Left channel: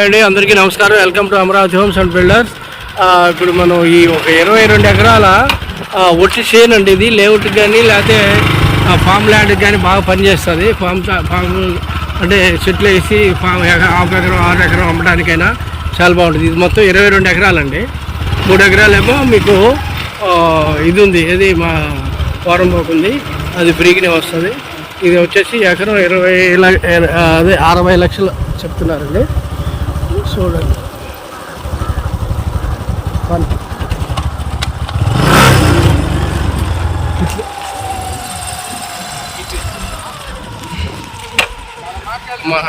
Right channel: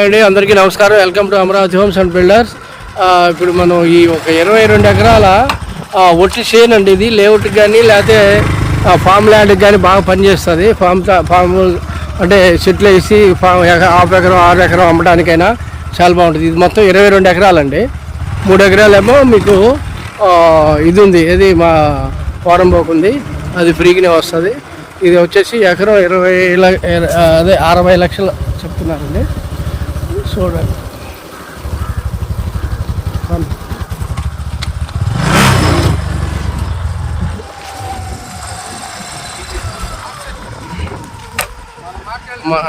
అండి అందరికీ నమస్కారం. Welcome to Amaravati homes and builders ఇప్పుడు మనం ఈ ఒక ఇరవై రెండు ఎకరాల ఒట్టి చేను అండి ఇది. లేఅవుట్కి కానీ లేకపోతే ఫామ్ ల్యాండ్కి కానీ బాగా పనిచేస్తుంది. ఫామ్ ఫామ్ అంటే చెట్లు వేసి ఫామ్ హాఫ్ ఎకరం ఆరు ఎకరం అమ్మడానికైనా చాలా బాగుంటుంది. ఇది మొత్తం ఇరవై రెండు ఎకరాలండి. మూడు ఎకరాలేమో మీకు ఇది ఉంది. ఇది మా పోరంబోకు ఉంది. అది ఫ్రీగానే వస్తుంది. ఇది వచ్చేసి ఎకరం ఇరవై అదే అరవై లక్షలు చెప్తున్నారండి. చూడండి. మా-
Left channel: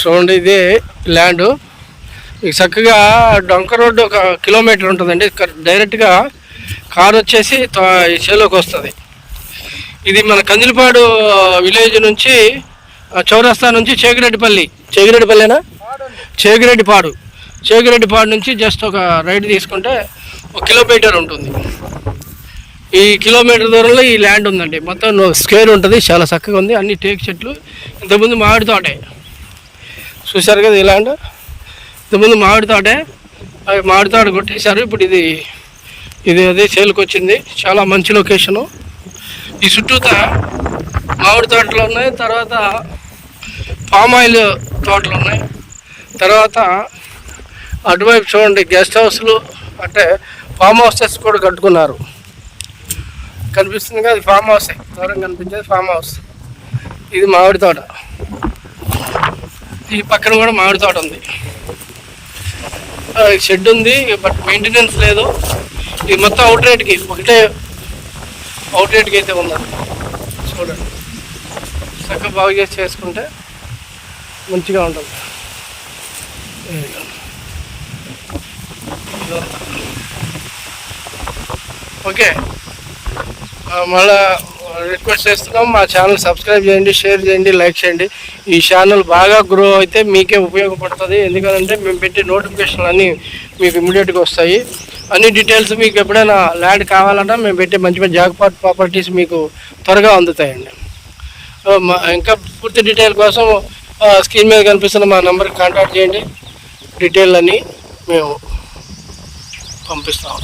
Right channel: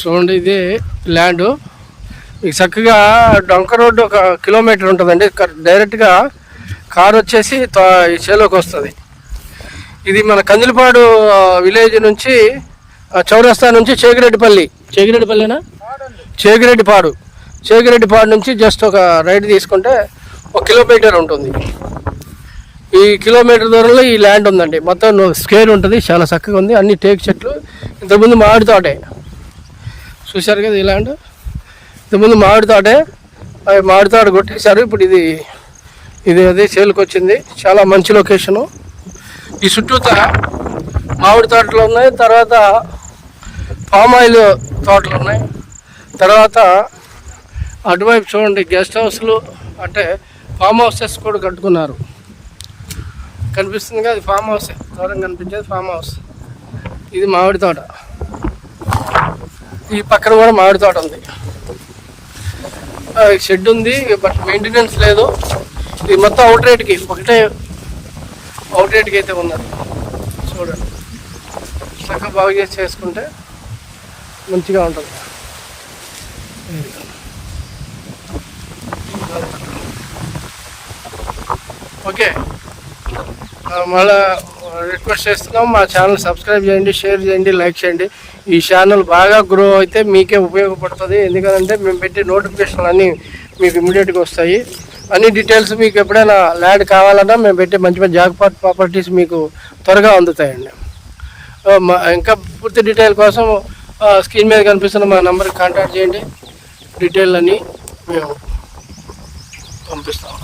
చూడండి ఇది ల్యాండ్ మీకు చక్కగా డొంక రోడ్డు ఒక కిలోమీటర్ ఉంటుందండి. క- డైరెక్ట్గా కార్ వచ్చేసి త- ఈ చేలోకి వస్తుంది. ఇది మన కందిలపాడు విలేజ్ నుంచి చౌరస్తా నుంచి చేగిరెడ్డిపల్లి. చేగిరెడ్డిపల్లినా? చేగిరెడ్డిపాడు. చేగిరెడ్డిపాడు నుంచి జస్ట్ ఒక రైడ్ తీసుకుంటే ఒక కిలోమీటర్ ఉంటుంది. ఈ కిలోమీటర్ దూరంలో ఈ ల్యాండ్ ఉందండి. మొత్తం స్కేర్ ఉంటుంది చాలా చక్కగా ఉంది అన్ని టేక్ చెట్లు. ఇంతకుముందు మామిడి తోటే. చూశారు కదా ఈ ల్యాండ్? ఇంతకుముందు మామిడి తోటే మామిడి తోట కొట్టేశారు. ఇప్పుడు ఇది ఇది అదే సేల్కి వచ్చింది. చాలా మంచి లొకేషను. ఈ చుట్టూత మామిడి తోటలు ఉన్నాయి తర్వాత పామాయిల్ ఆయిల్ తోటలు ఉన్నాయి. తర్వాత అటువైపు చూడండి గెస్ట్ హౌస్లు అంటే ఫామ్ హౌసెస్ కూడా కట్టుకున్నారు. కనిపిస్తుంది కదా అది ఫామ్ హౌసే. దూరం కనిపించేది ఫామ్ హౌస్. ఇది మామిడి తోట. ఈ పక్కన కూడా మామిడి తోట ఉంది. షెడ్ ఉంది బట్ మెయింటెనెన్స్ లేదు. ఇది మొత్తం అవుట్ రేట్కి ఒకటే అవుట్ అయితే ఉన్నది చూడండి. చక్కగా బాగు చేసి చేసుకుంటే మంచిగా ఉంటుంది. ఓకే మళ్ళా రిక్వెస్ట్ చేస్తున్నాం. మా ఛానల్ సబ్స్క్రైబ్ చేయండి షేర్ చేయండి లైక్ చేయండి. ఈ ఛానల్ బాగా గ్రో అయితే మీకే ఉపయోగపడుతుంది. ఎందుకంటే మేము పెట్టే నోటిఫికేషన్లు అన్నీ మీకు ఇమీడియట్గా వస్తాయి. అన్ని డీటెయిల్స్ మీకు ఎప్పుడైనా ల్యాండ్ కావాలన్నా మేము పెట్టే మంచి మంచి జాగ్పాట్ ప్రాపర్టీస్ మీకు త్వరగా అందుతాయండి. మా ఇంకా పూర్తి డీటెయిల్ కోసం స్క్రీన్ మీద కనిపిస్తున్న మా నెంబర్కి కాంటాక్ట్ చేయండి. డీటెయిల్ అన్నీ మేము పంపిస్తాం.